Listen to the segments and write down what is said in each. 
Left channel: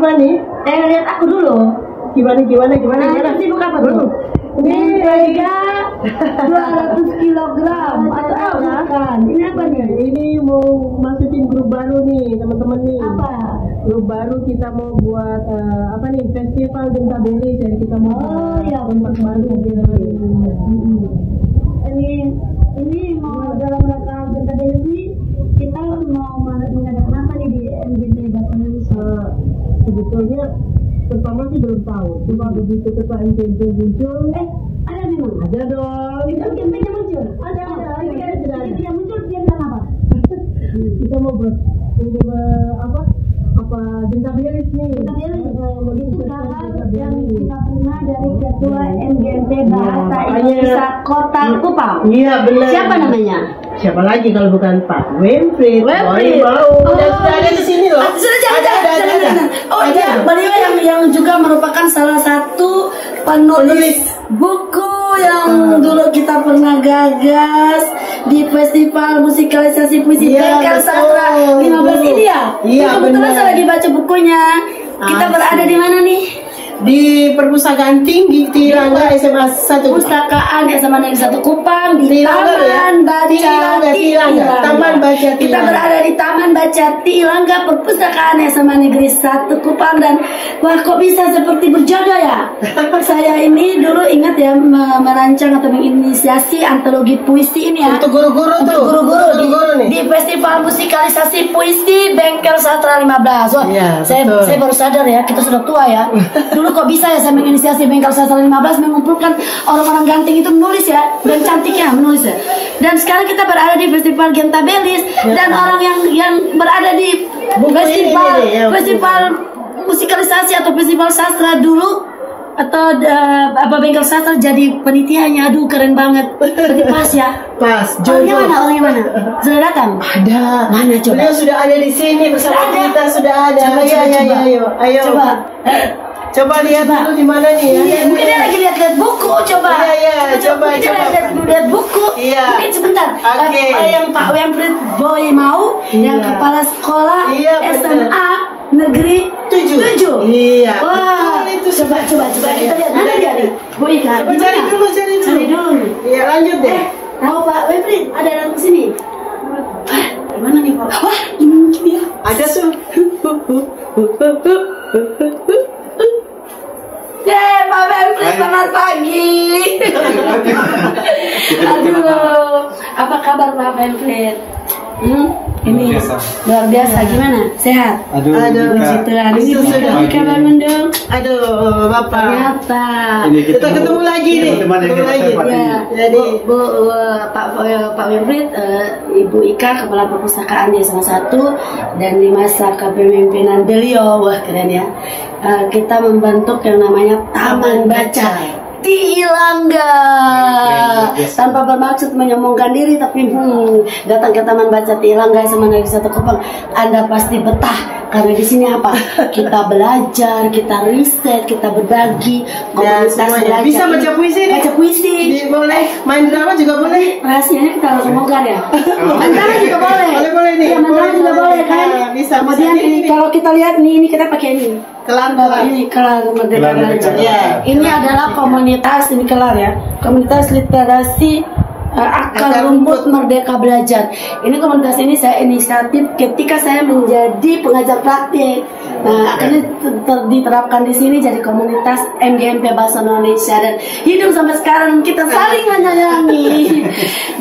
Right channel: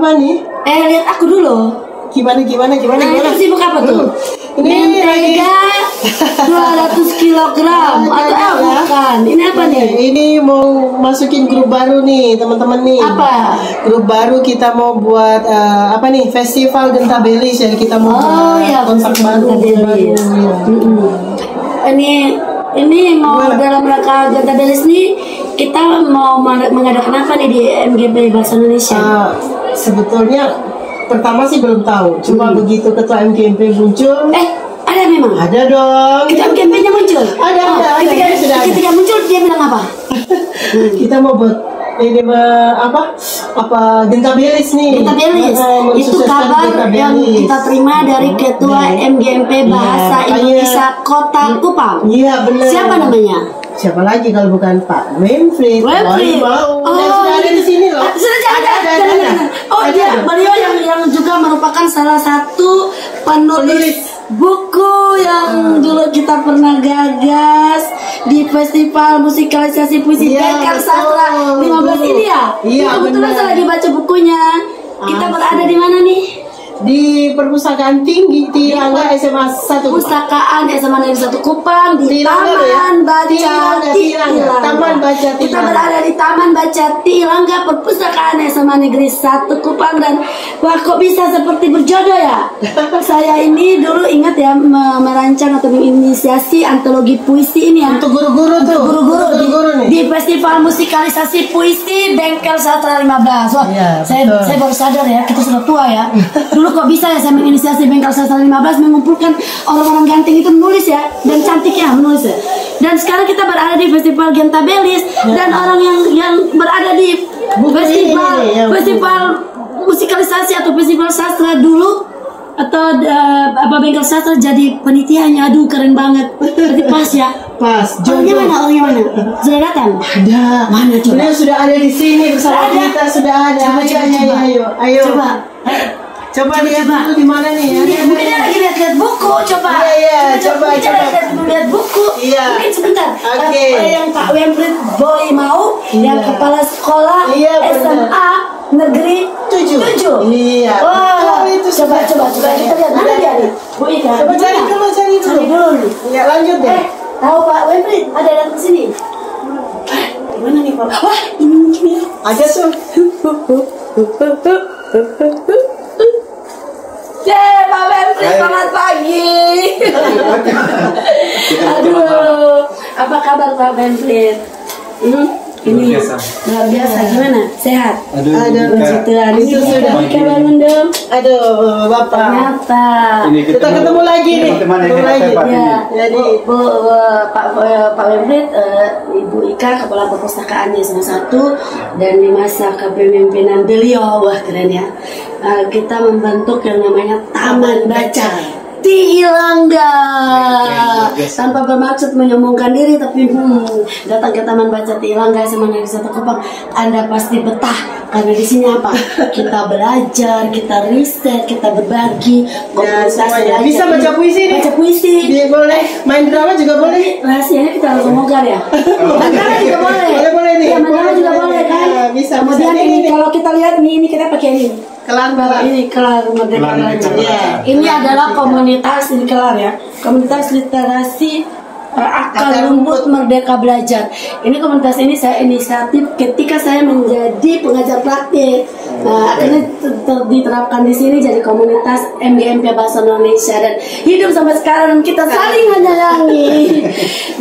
apa nih? Lihat aku dulu. Gimana? Itu sibuk apa tuh? Ini Mentega 200 kilogram atau bukan? Ini apa nih? Ini mau masukin grup baru nih teman-teman nih. Apa? Grup baru kita mau buat apa nih? Festival Gentabelis ya, kita mau buat kontak baru. Ini mau dalam rangka Gentabelis nih, kita mau mengadakan apa nih di MGP Bahasa Indonesia? Sebetulnya pertama sih belum tahu, cuma begitu ketua MGP muncul. Ada memang? Ada dong. Ketua MGP-nya muncul? Ada. Ketika muncul dia bilang apa? Kita mau buat ini apa Gentabelis nih. Gentabelis itu kabar yang kita terima dari ketua MGMP Bahasa Indonesia Kota Kupang. Iya benar. Siapa namanya? Siapa lagi kalau bukan Pak Winfried? Sudah ada di sini loh. Ada. Beliau yang juga merupakan salah satu penulis buku yang dulu kita pernah gagas di festival musikalisasi puisi Bengkel Sastra 15 ini ya. Iya, kebetulan saya lagi baca bukunya. Kita berada di mana nih? Di Perpustakaan Tinggi Tirangga SMA 1. Perpustakaan SMA Negeri 1 Kupang di Taman Baca Tirangga. Kita berada di Taman Baca Tirangga, Perpustakaan SMA Negeri 1 Kupang. Dan wah, kok bisa seperti berjodoh ya? Saya ini dulu ingat ya merancang atau menginisiasi antologi puisi ini ya. Untuk guru-guru tuh. Guru-guru di festival musikalisasi puisi Bengkel Sastra 15. Wah, saya baru sadar ya, kita sudah tua ya. Dulu kok bisa ya saya menginisiasi Bengkel Sastra 15 mengumpulkan orang-orang ganteng itu menulis ya, dan cantiknya menulis ya. Dan sekarang kita berada di festival Gentabelis dan orang yang berada di festival musikalisasi atau festival sastra dulu atau Bengkel Sastra jadi panitianya. Aduh, keren banget. Berarti pas ya. Pas. Orangnya mana? Sudah datang? Ada. Mana coba? Beliau sudah ada di sini bersama kita, sudah ada. Ayo. Coba lihat dulu di mana nih ya. Mungkin dia lagi lihat buku, coba. Coba. Lihat buku. Iya. Mungkin sebentar. Yang Pak Winfried Boy mau, yang kepala sekolah SMA Negeri 7. Iya. Wah, coba kita lihat mana dia nih. Bu Ika. Coba cari dulu. Iya, lanjut deh. Tahu Pak Winfried ada datang ke sini. Gimana nih Pak? Wah, ini mungkin ya. Ada tuh. Pak Winfried, selamat pagi. Aduh, apa kabar Pak Winfried? Ini luar biasa. Gimana? Sehat? Aduh, itu sudah kabar mendung. Aduh, Bapak. Ternyata kita ketemu lagi nih. Ya, jadi Pak Winfried, Ibu Ika kepala perpustakaannya salah satu, dan di masa kepemimpinan beliau, wah keren ya. Kita membentuk yang namanya Taman Baca Tirangga, tanpa bermaksud menyombongkan diri, tapi datang ke Taman Baca Tirangga sama Negeri 1 Kupang, Anda pasti betah karena di sini apa? Kita belajar, kita riset, kita berbagi, bisa baca puisi nih. Baca puisi. Boleh, main drama juga boleh. Rahasianya kita harus bongkar ya. Main drama juga boleh. Boleh nih. Main drama juga boleh kan? Bisa. Kemudian ini kalau kita lihat nih, ini kita pakai ini. Kelar Merdeka Belajar. Ini adalah komunitas, ini kelar ya. Komunitas literasi akar rumput Merdeka Belajar. Ini komunitas ini saya inisiatif ketika saya menjadi pengajar praktik. Nah, akhirnya diterapkan di sini jadi komunitas MGMP Bahasa Indonesia, dan hidup sampai sekarang kita saling menyayangi.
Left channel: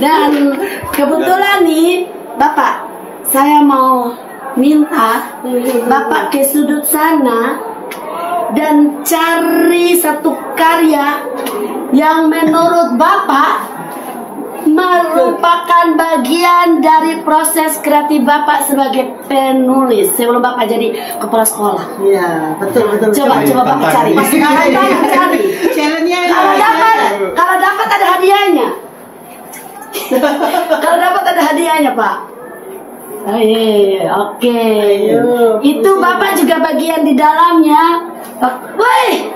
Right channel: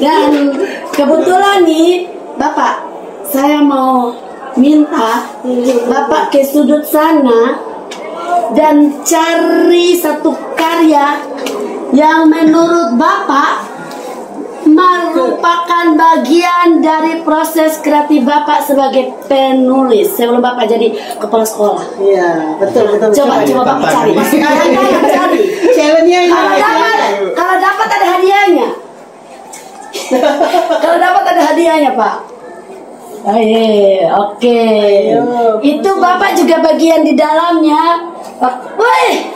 Dan kebetulan nih, Bapak, saya mau minta Bapak ke sudut sana dan cari satu karya yang menurut Bapak merupakan bagian dari proses kreatif Bapak sebagai penulis sebelum Bapak jadi kepala sekolah. Iya, betul. Coba Bapak cari. Cari. Kalau dapat ada hadiahnya. Kalau dapat ada hadiahnya, Pak. Oke. Itu Bapak juga bagian di dalamnya. Woi,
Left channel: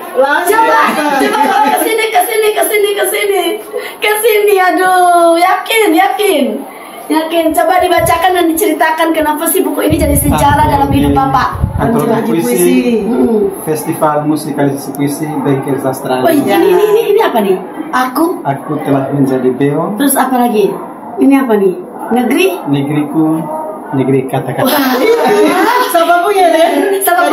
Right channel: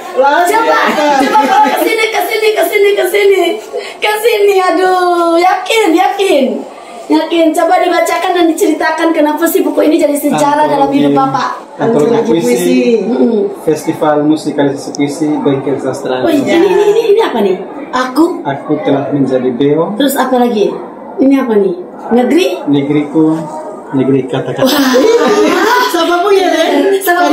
coba bawa ke sini. Aduh, yakin. Coba dibacakan dan diceritakan kenapa sih buku ini jadi sejarah dalam hidup Bapak. Antologi puisi, Festival Musikalisasi Puisi Bengkel Sastra. Oh, ini apa nih? Aku telah menjadi beo. Terus apa lagi? Ini apa nih? Negeriku, negeri kata-kata. Siapa punya? Siapa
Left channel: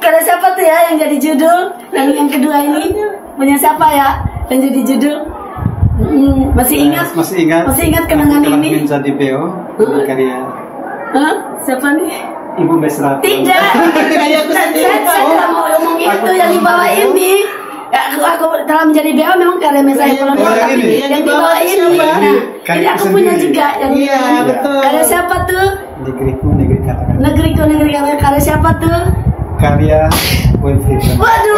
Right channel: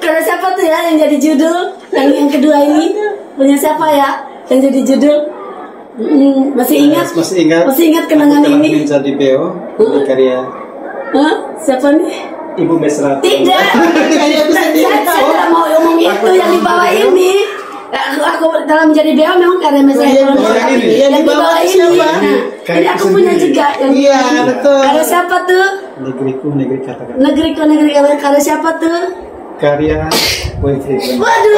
Karena siapa tuh ya yang jadi judul? Yang kedua ini punya siapa ya yang jadi judul? Masih ingat kenangan telah ini? Menjadi beo karya. Siapa nih? Ibu Mesra. Tidak. Saya tidak mau ngomong itu yang di bawah ini. Aku telah menjadi beo memang karya Mesra yang di bawah ini. Jadi aku punya juga yang betul. Karya siapa tuh? Negeriku, negeri kata-kata. Negeriku, negeri kata-kata. Karya siapa tuh? Karya Wilfried. Waduh,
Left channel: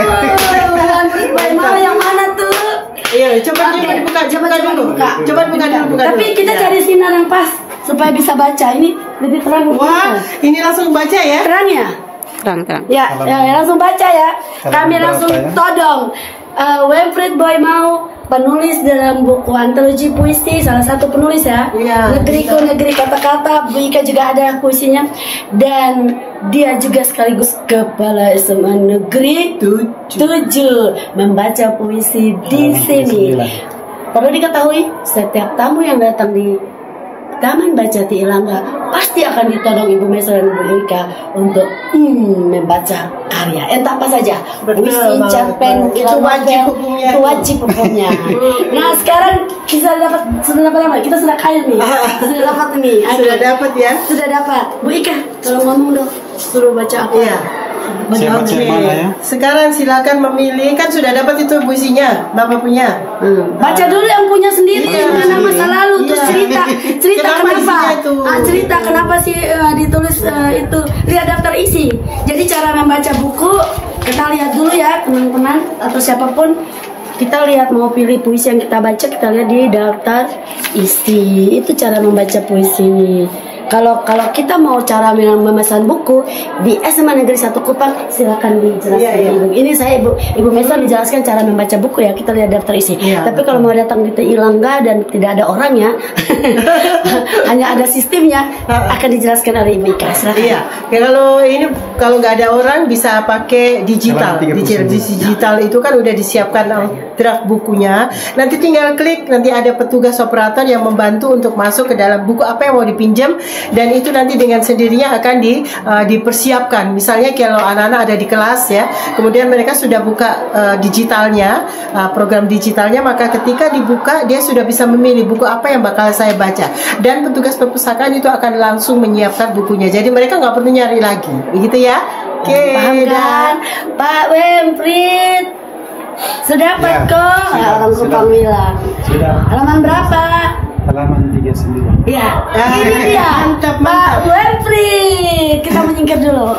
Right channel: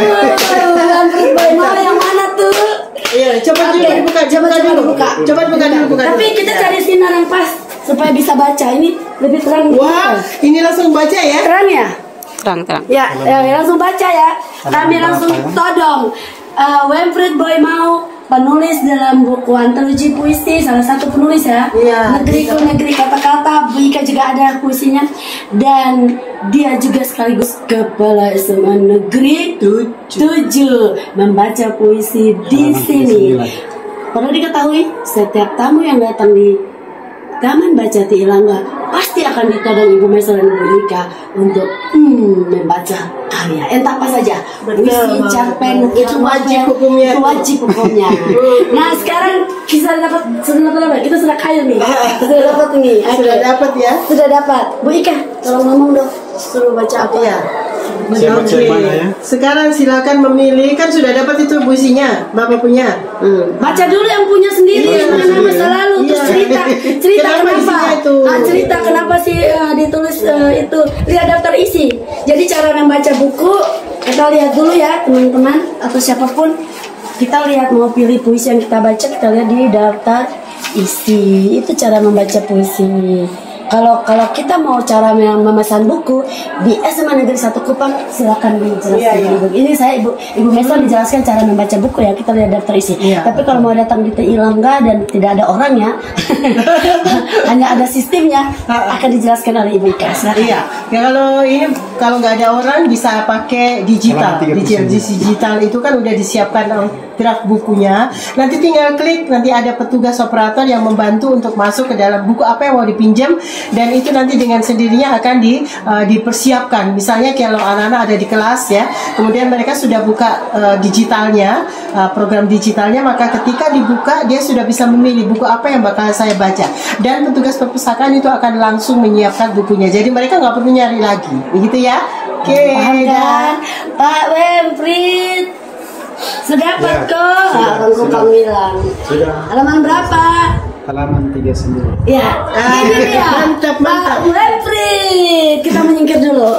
mana yang mana tuh? Iya, coba buka. Tapi kita cari sinar yang pas supaya bisa baca. Ini lebih terang. Wah, ini langsung baca ya? Terang ya? Terang. Ya, langsung baca ya. Kami langsung todong. Wilfried Boy Mau, penulis dalam buku antologi puisi, salah satu penulis ya. Negeriku, negeri kata-kata. Bu Ika juga ada puisinya. Dan dia juga sekaligus kepala SMA Negeri 7 membaca puisi di sini. Perlu diketahui, setiap tamu yang datang di Taman Baca Tiilangga pasti akan ditodong Ibu Mesra dan Ibu Ika untuk membaca karya entah apa saja, puisi, cerpen, itu wajib hukumnya. Nah sekarang sudah dapat apa? Kita sudah kaya nih. Sudah dapat nih. Sudah dapat ya? Sudah dapat. Bu Ika, kalau ngomong dong, suruh baca apa? Iya. Sekarang silakan memilih, kan sudah dapat itu puisinya, Bapak punya. Baca dulu yang punya sendiri, yang masa lalu, terus cerita kenapa? Cerita kenapa sih ditulis itu, lihat daftar isi. Jadi cara membaca buku kita lihat dulu ya teman-teman atau siapapun, kita lihat mau pilih puisi yang kita baca, kita lihat di daftar isi. Itu cara membaca puisi. Kalau kita mau cara memesan buku di SMA Negeri 1 Kupang, silakan dijelaskan. Ibu. Ini saya Ibu Mesra dijelaskan cara membaca buku ya, kita lihat daftar isi. Tapi kalau mau datang di Tiilangga dan tidak ada orangnya, hanya ada sistemnya, akan dijelaskan oleh Ibu Ika. Silakan. Iya. Kalau nggak ada orang bisa pakai digital. Digital itu kan udah disiapkan draft bukunya. Nanti tinggal klik, nanti ada petugas operator yang membantu untuk masuk ke dalam buku apa yang mau dipinjam. Dan itu nanti dengan sendirinya akan dipersiapkan. Misalnya kalau anak-anak ada di kelas ya, kemudian mereka sudah buka digitalnya, program digitalnya, maka ketika dibuka dia sudah bisa memilih buku apa yang bakal saya baca. Dan petugas perpustakaan itu akan langsung menyiapkan bukunya. Jadi mereka nggak perlu nyari lagi, begitu ya? Oke, paham kan? Pak Wilfried sudah dapat kok. Orang Kupang bilang. Sudah. Halaman berapa? Halaman 39. Ya, ini dia. Mantap. Pak Wilfried, kita menyingkir dulu.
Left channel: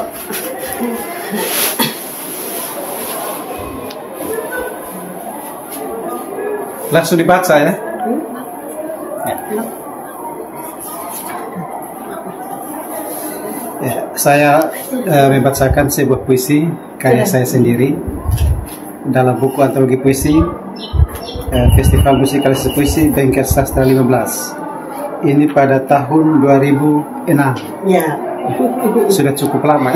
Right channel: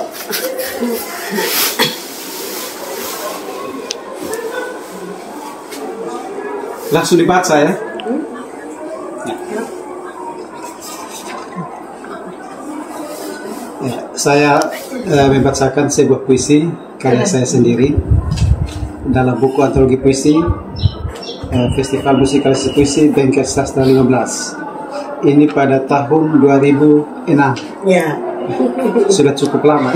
Langsung dibaca ya. Saya membacakan sebuah puisi karya saya sendiri dalam buku antologi puisi Festival Musikalisasi Puisi Bengkel Sastra 15. Ini pada tahun 2006. Ya. Sudah cukup lama.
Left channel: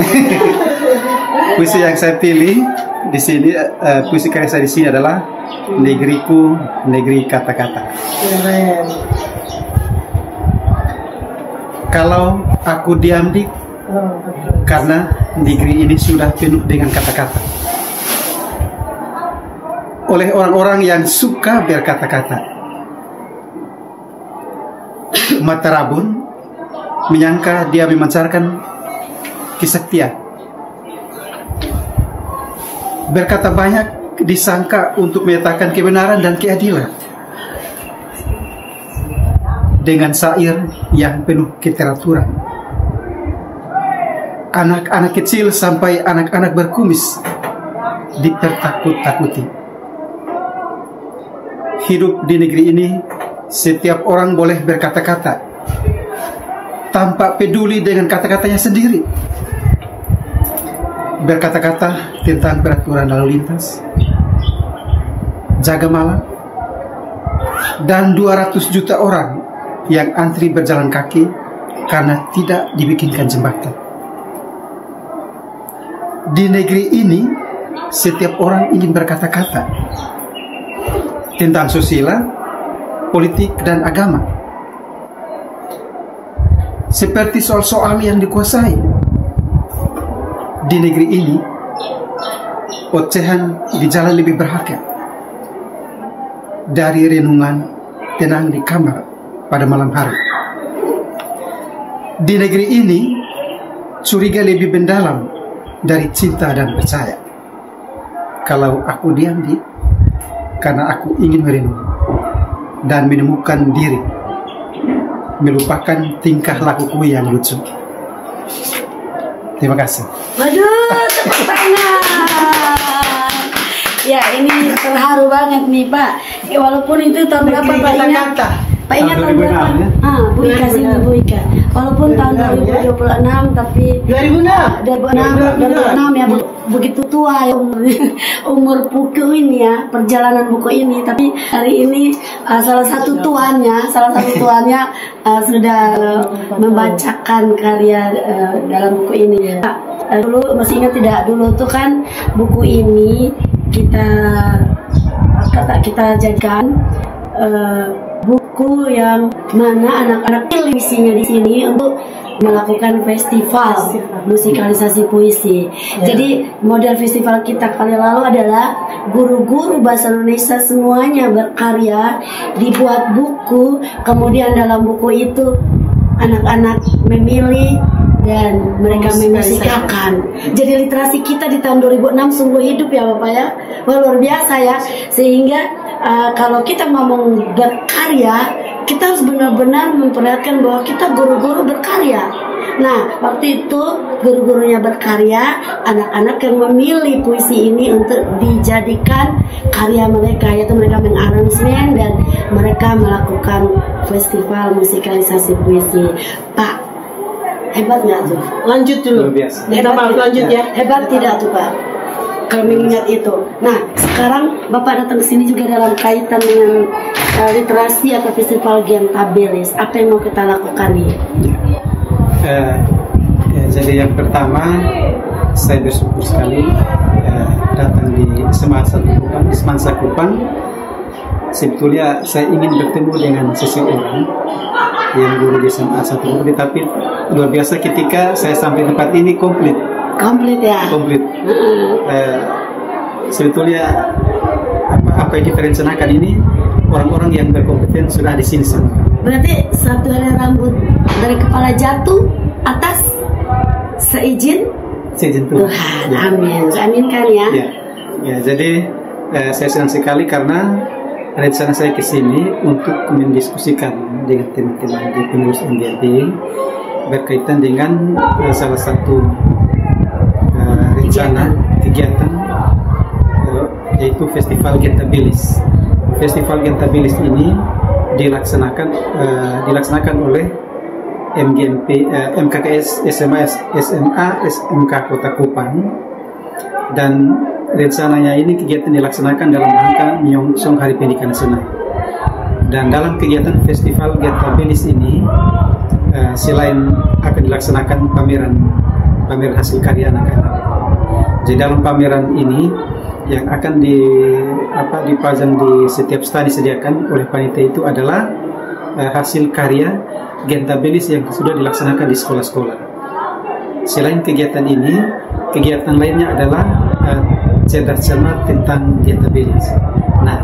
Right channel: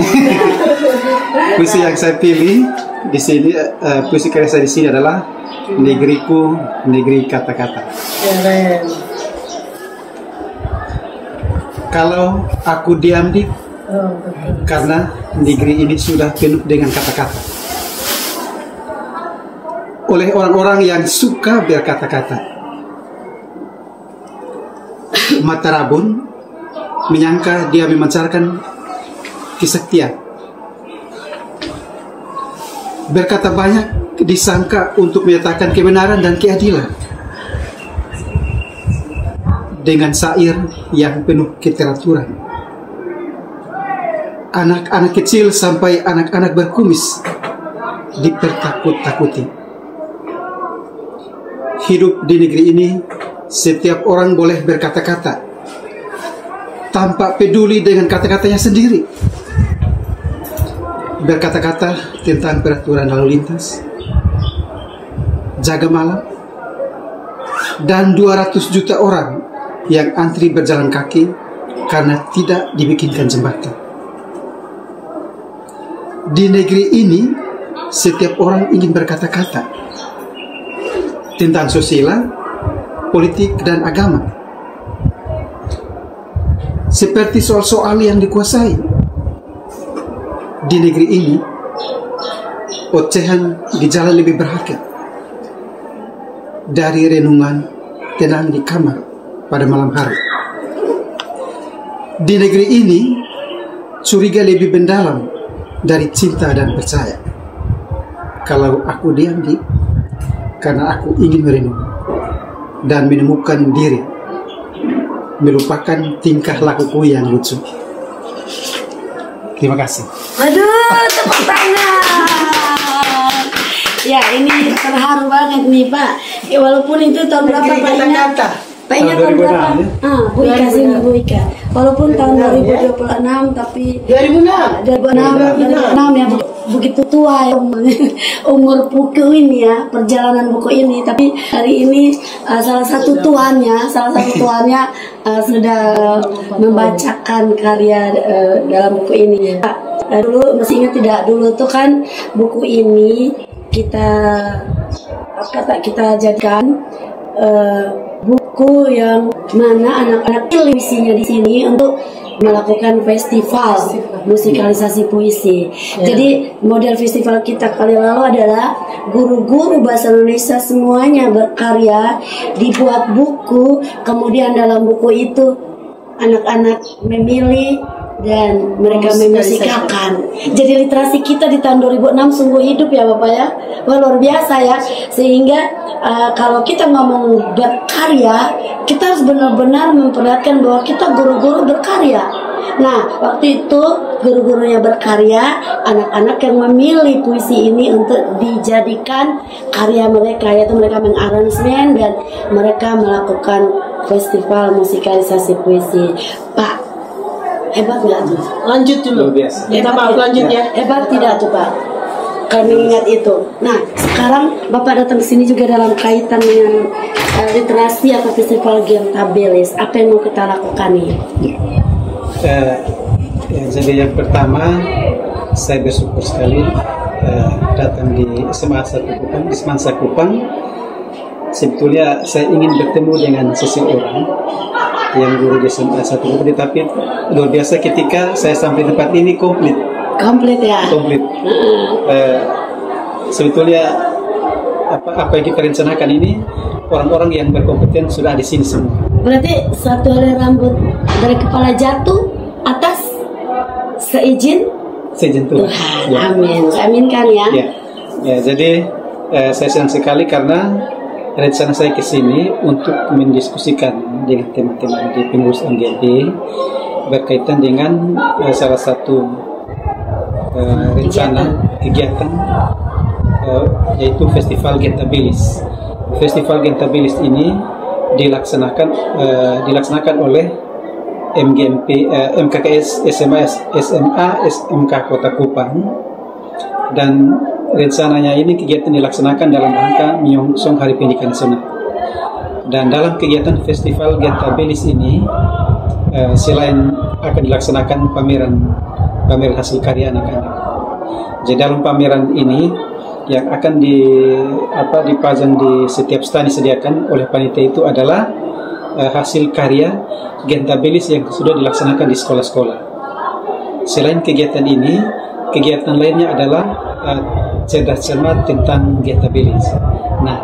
Puisi yang saya pilih di sini, puisi karya saya di sini adalah Negeriku, Negeri Kata-kata. Keren. Kalau aku diam di, karena negeri ini sudah penuh dengan kata-kata. Oleh orang-orang yang suka berkata-kata. Mata rabun menyangka dia memancarkan kesaktian. Berkata banyak disangka untuk menyatakan kebenaran dan keadilan. Dengan syair yang penuh keteraturan. Anak-anak kecil sampai anak-anak berkumis dipertakut-takuti. Hidup di negeri ini, setiap orang boleh berkata-kata tanpa peduli dengan kata-katanya sendiri. Berkata-kata tentang peraturan lalu lintas, jaga malam, dan 200 juta orang yang antri berjalan kaki karena tidak dibikinkan jembatan. Di negeri ini setiap orang ingin berkata-kata tentang sosial, politik, dan agama, seperti soal-soal yang dikuasai. Di negeri ini ocehan di jalan lebih berharga dari renungan tenang di kamar pada malam hari. Di negeri ini curiga lebih mendalam dari cinta dan percaya. Kalau aku diam karena aku ingin merenung dan menemukan diri, melupakan tingkah lakuku yang lucu. Terima kasih. Waduh, tepuk tangan. Ya, ini terharu banget nih Pak. Walaupun itu tahun berapa Pak ingat? Pak ingat tahun berapa? Bu Ika sini Bu Ika. Walaupun tahun 2026 tapi 2006 ya begitu tua ya umur buku ini ya, perjalanan buku ini. Tapi hari ini salah satu tuannya sudah membacakan karya dalam buku ini. Dulu masih ingat tidak, dulu tuh kan buku ini kita jadikan buku yang mana anak-anak pilih misinya di sini untuk melakukan festival musikalisasi puisi. Jadi model festival kita kali lalu adalah guru-guru bahasa Indonesia semuanya berkarya, dibuat buku, kemudian dalam buku itu anak-anak memilih dan mereka memusikalkan. Jadi literasi kita di tahun 2006 sungguh hidup ya Bapak ya. Wah, luar biasa ya. Sehingga kalau kita ngomong berkarya, kita harus benar-benar memperlihatkan bahwa kita guru-guru berkarya. Nah, waktu itu guru-gurunya berkarya, anak-anak yang memilih puisi ini untuk dijadikan karya mereka, yaitu mereka mengaransemen dan mereka melakukan festival musikalisasi puisi. Pak, hebat nggak tuh? Lanjut dulu. Minta maaf, lanjut ya. Hebat tidak tuh Pak? Kami ingat itu. Nah, sekarang Bapak datang ke sini juga dalam kaitan dengan literasi atau festival Gentabilis. Apa yang mau kita lakukan nih? Jadi yang pertama, saya bersyukur sekali datang di SMA 1 Kupang. Sebetulnya saya ingin bertemu dengan seseorang yang guru di SMA 1 Kupang, tapi luar biasa ketika saya sampai tempat ini komplit ya. Sebetulnya apa yang kita rencanakan ini orang-orang yang berkompeten sudah di sini semua. Berarti satu helai rambut dari kepala jatuh atas seizin Tuhan. Ya. Amin. Aminkan ya. Ya, jadi saya senang sekali karena rencana saya ke sini untuk mendiskusikan dengan teman-teman di pengurus MGMP berkaitan dengan salah satu rencana kegiatan yaitu Festival Gentabilis. Festival Gentabilis ini dilaksanakan oleh MGMP, MKKS SMA SMK Kota Kupang, dan rencananya ini kegiatan dilaksanakan dalam rangka menyongsong Hari Pendidikan Nasional. Dan dalam kegiatan Festival Gentabilis ini selain akan dilaksanakan pameran hasil karya anak-anak. Jadi dalam pameran ini yang akan dipajang di setiap stand disediakan oleh panitia itu adalah hasil karya Gentabilis yang sudah dilaksanakan di sekolah-sekolah. Selain kegiatan ini, kegiatan lainnya adalah cerdas cermat tentang Gentabilis. Nah,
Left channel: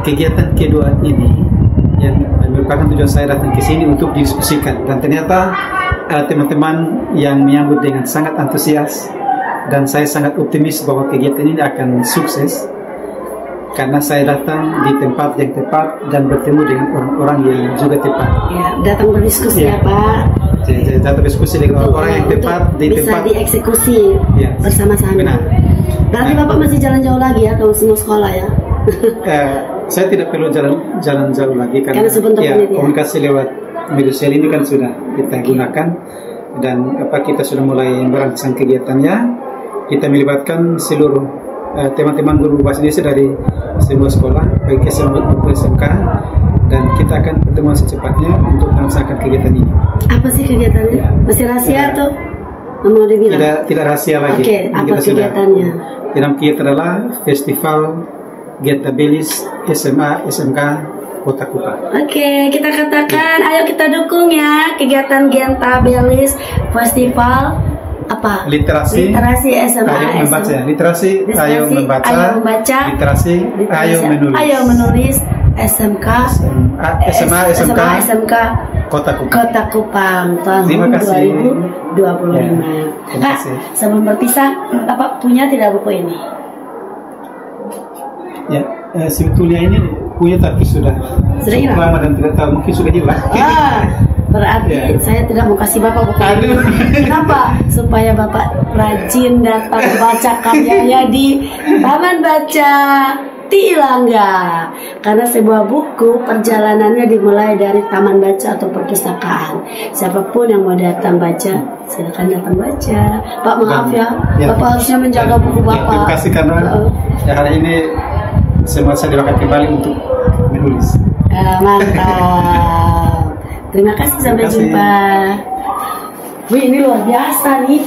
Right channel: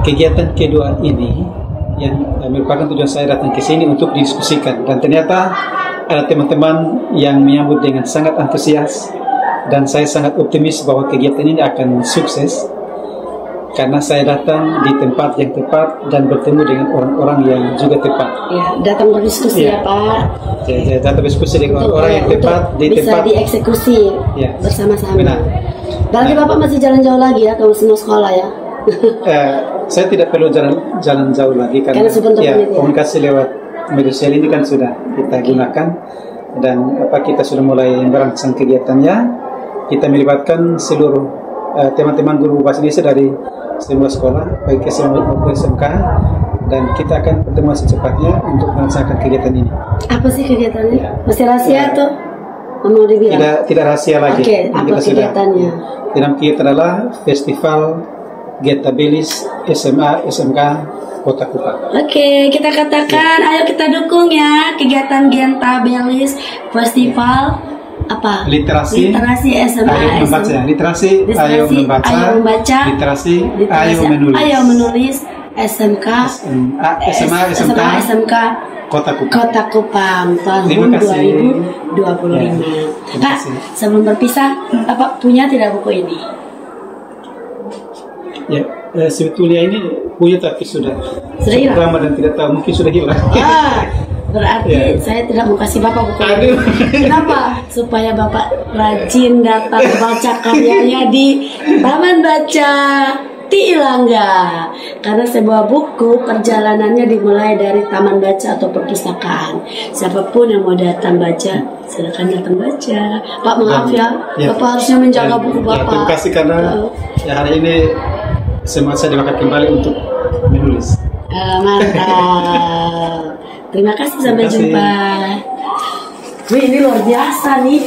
kegiatan kedua ini yang merupakan tujuan saya datang ke sini untuk didiskusikan, dan ternyata ada teman-teman yang menyambut dengan sangat antusias, dan saya sangat optimis bahwa kegiatan ini akan sukses karena saya datang di tempat yang tepat dan bertemu dengan orang-orang yang juga tepat. Ya, datang berdiskusi ya Pak. Datang berdiskusi dengan orang yang tepat di bisa tempat dieksekusi bersama-sama. Berarti Bapak masih jalan jauh lagi ya kalau semua sekolah ya? Saya tidak perlu jalan jauh lagi karena komunikasi lewat media sosial ini kan sudah kita gunakan, dan kita sudah mulai merancang kegiatannya. Kita melibatkan seluruh teman-teman guru bahasa Indonesia dari semua sekolah, baik SMA maupun SMK, dan kita akan bertemu secepatnya untuk melaksanakan kegiatan ini. Apa sih kegiatannya? Masih rahasia tuh? Mau dibilang? Tidak rahasia lagi. Oke, apa kegiatannya? Yang kita adalah Festival Genta Belis SMA SMK Kota Kupang. Oke, kita katakan, ayo kita dukung ya kegiatan Genta Belis Festival apa? Literasi SMA. Ayo membaca. Literasi ayo membaca. Literasi ayo menulis. Ayo menulis. SMK SMK Kota Kupang tahun 2025. Kak, sebelum berpisah, Bapak punya tidak buku ini? Ya, sebetulnya ini punya tapi sudah hilang. Lama dan tidak tahu, mungkin sudah hilang. Berarti saya tidak mau kasih Bapak buku ini. Kenapa? Supaya Bapak rajin datang baca karyanya di Taman Baca Tilangga, karena sebuah buku perjalanannya dimulai dari taman baca atau perpustakaan. Siapapun yang mau datang baca, silakan datang baca. Pak, maaf ya, Bapak harusnya menjaga buku Bapak. Terima kasih karena hari ini semua saya dimakan kembali untuk menulis. Mantap. Terima kasih, sampai jumpa. Wih, ini luar biasa nih.